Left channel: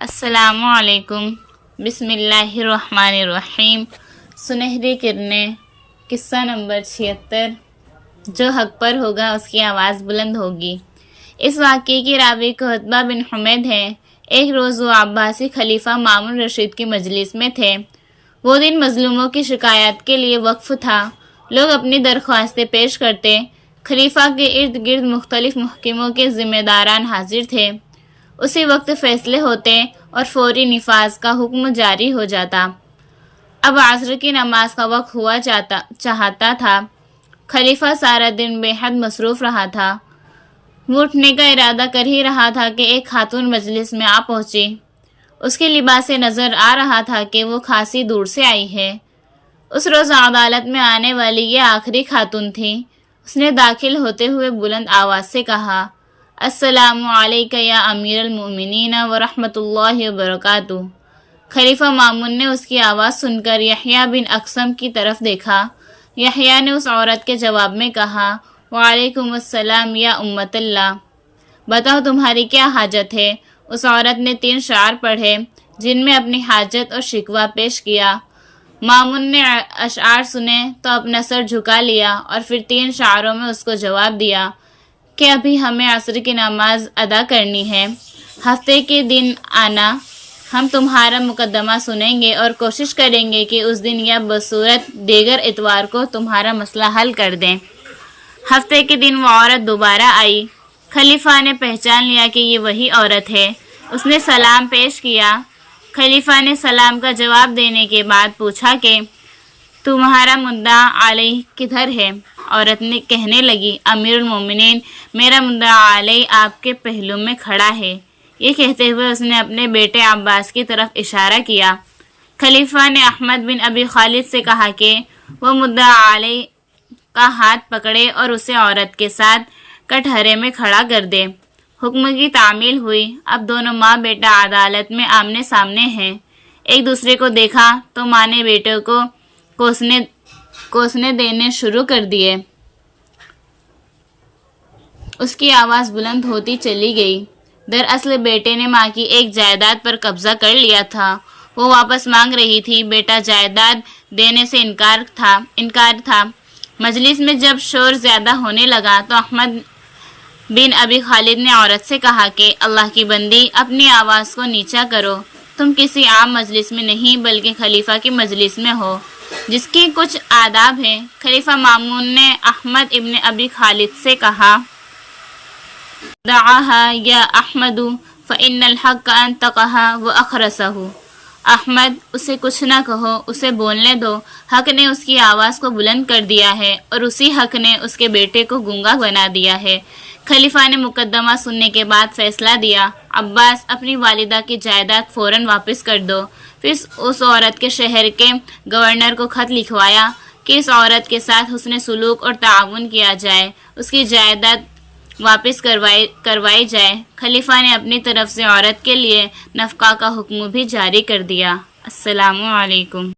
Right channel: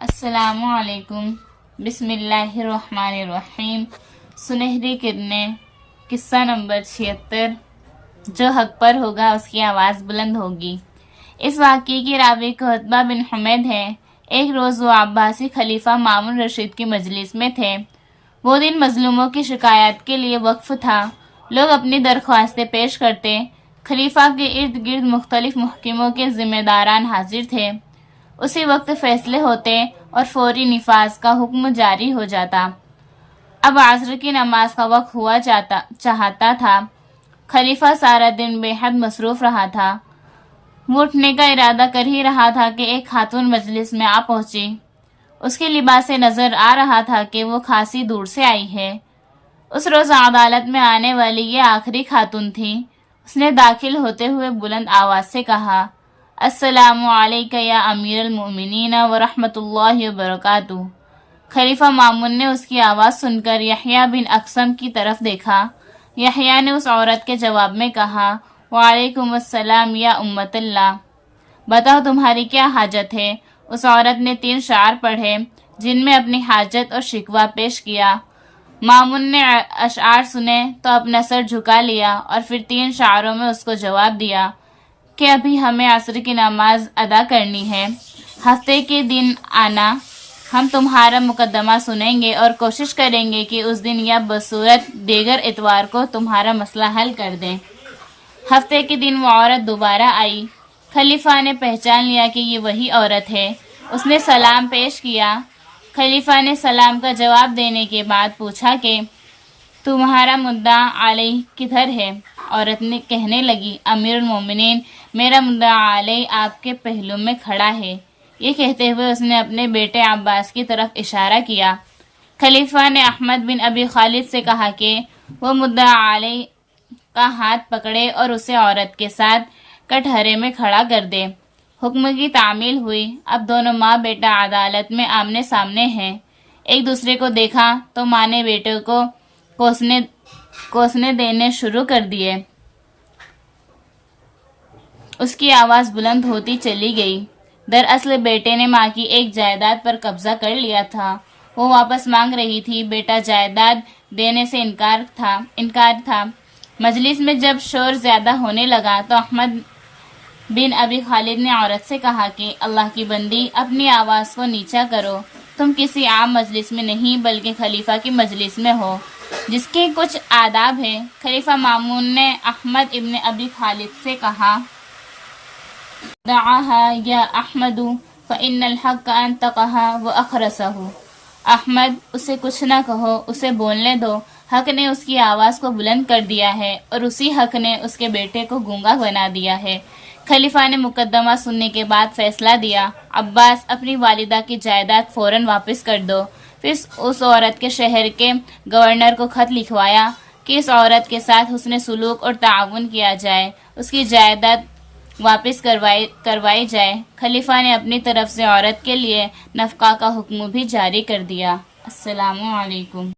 السلام علیکم۔ بسم اللہ الرحمن الرحیم۔ سنہری کرنیں، قصہ نمبر 76۔ جو حق پر ہوگا اس کی آواز بلند ہوگی۔ اس واقعے کی راوی قتبہ بن حمید ہے۔ ایک روز وہ عباسی خلیفہ مامون رشید کی مجلس میں تھے۔ وہ دن مظلوموں کی شکایات کے لیے وقف تھا۔ لوگ اپنی درخواستیں پیش کرتے۔ خلیفہ کے ارد گرد مختلف محکموں کے ذمہ داران حاضر تھے۔ اسی وقت فیصلے ہوتے اور فوری نفاذ کا حکم جاری ہو جاتا۔ اب عصر کی نماز کا وقت ہوا چاہتا تھا۔ خلیفہ سارا دن بے حد مصروف رہا تھا۔ وہ اٹھنے کا ارادہ کر ہی رہا تھا کہ ایک خاتون مجلس میں آ پہنچی۔ اس کے لباس سے نظر آ رہا تھا کہ وہ خاصی دور سے آئی ہے۔ اس روز عدالت میں آنے والی یہ آخری خاتون تھی۔ اس نے داخل ہوتے ہوئے بلند آواز سے کہا، السلام علیکہ یا امیر المؤمنین ورحمۃ اللہ وبرکاتہ۔ خلیفہ مامون نے اس کی آواز سن کر یحییٰ بن اقسم کی طرف دیکھا۔ یحییٰ نے اس عورت کے جواب میں کہا، وعلیکم السلام یا امت اللہ، بتاؤ تمہاری کیا حاجت ہے؟ اس عورت نے 3 اشعار پڑھے جن میں اپنی حاجت اور شکوہ پیش کیا۔ مامون نے اشعار سنے تو اپنا سر جھکا لیا اور پھر 3 اشعاروں میں اس کو جواب دیا کہ ابھی ہمیں عصر کی نماز ادا کرنی ہے۔ ہفتے کے دن آنا، ہم تمہارا مقدمہ سنیں گے اور کوشش کریں گے کہ اس دن یا بصورت دیگر اتوار کو تمہارا مسئلہ حل کر دیں۔ ہفتے کے دن وہ عورت دوبارہ آئی۔ خلیفہ نے پہچان لیا کہ یہ وہی عورت ہے۔ اس نے سلام پیش کیا۔ خلیفہ نے سلام کا جواب دینے کے بعد پوچھا کہ تمہارا مدعا علیہ کدھر ہے؟ عورت نے کہنے لگی، امیر المومنین، میرا مدعا علیہ آپ کے پہلو میں کھڑا ہے۔ یہ کہتے ہوئے اس نے اپنے بیٹے عباس کی طرف اشارہ کیا۔ خلیفہ نے احمد بن ابی خالد سے کہا کہ وہ مدعا علیہ کا ہاتھ پکڑے اور اسے عورت کے ساتھ کٹہرے میں کھڑا کر دے۔ حکم کی تعمیل ہوئی۔ اب دونوں ماں بیٹا عدالت میں آمنے سامنے ہیں۔ ایک دوسرے کو دیکھا تو ماں نے بیٹے کو کوسنے دینے شروع کر دیے۔ اس کی آواز بلند ہوتی چلی گئی۔ دراصل بیٹے نے ماں کی ایک جائیداد پر قبضہ کر لیا تھا۔ وہ واپس مانگ رہی تھی۔ بیٹا جائیداد دینے سے انکار تھا۔ مجلس میں جب شور زیادہ ہونے لگا تو احمد بن ابی خالد نے عورت سے کہا کہ اللہ کی بندی، اپنی آواز کو نیچا کرو۔ تم کسی عام مجلس میں نہیں بلکہ خلیفہ کی مجلس میں ہو، جس کے کچھ آداب ہیں۔ خلیفہ مامون نے احمد ابن ابی خالد سے کہا، دعاها یا احمد فإن الحق انطقها وأخرسه۔ احمد، اسے کچھ نہ کہو، اسے بولنے دو۔ حق نے اس کی آواز کو بلند کر دیا ہے اور اسی حق نے اس کے بیٹے کو گونگا بنا دیا ہے۔ خلیفہ نے مقدمہ سننے کے بعد فیصلہ دیا، عباس، اپنی والدہ کی جائیداد فوراً واپس کر دو۔ پھر اس عورت کے شہر کے گورنر کو خط لکھوایا کہ اس عورت کے ساتھ حسن سلوک اور تعاون کیا جائے، اس کی جائیداد واپس کروائی جائے۔ خلیفہ نے اپنی طرف سے عورت کے لیے نفقہ کا حکم بھی جاری کر دیا۔ السلام علیکم۔